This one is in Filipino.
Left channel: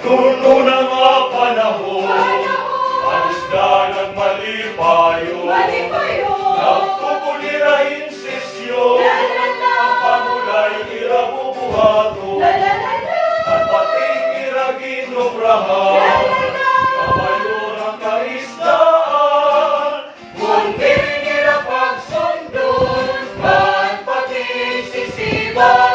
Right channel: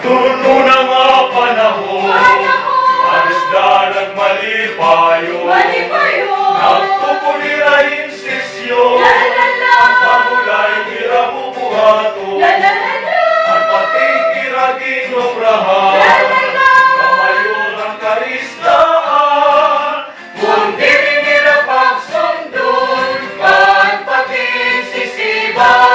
Tuno na nga panahon, ang isda nagmalipayo. Nagtupulirahin sisyo, ang pamulay irabubuhato. Ang pating iragin obrahan, kabayo ng karistaan. Kundi nila pagsundon, man pating sisiba.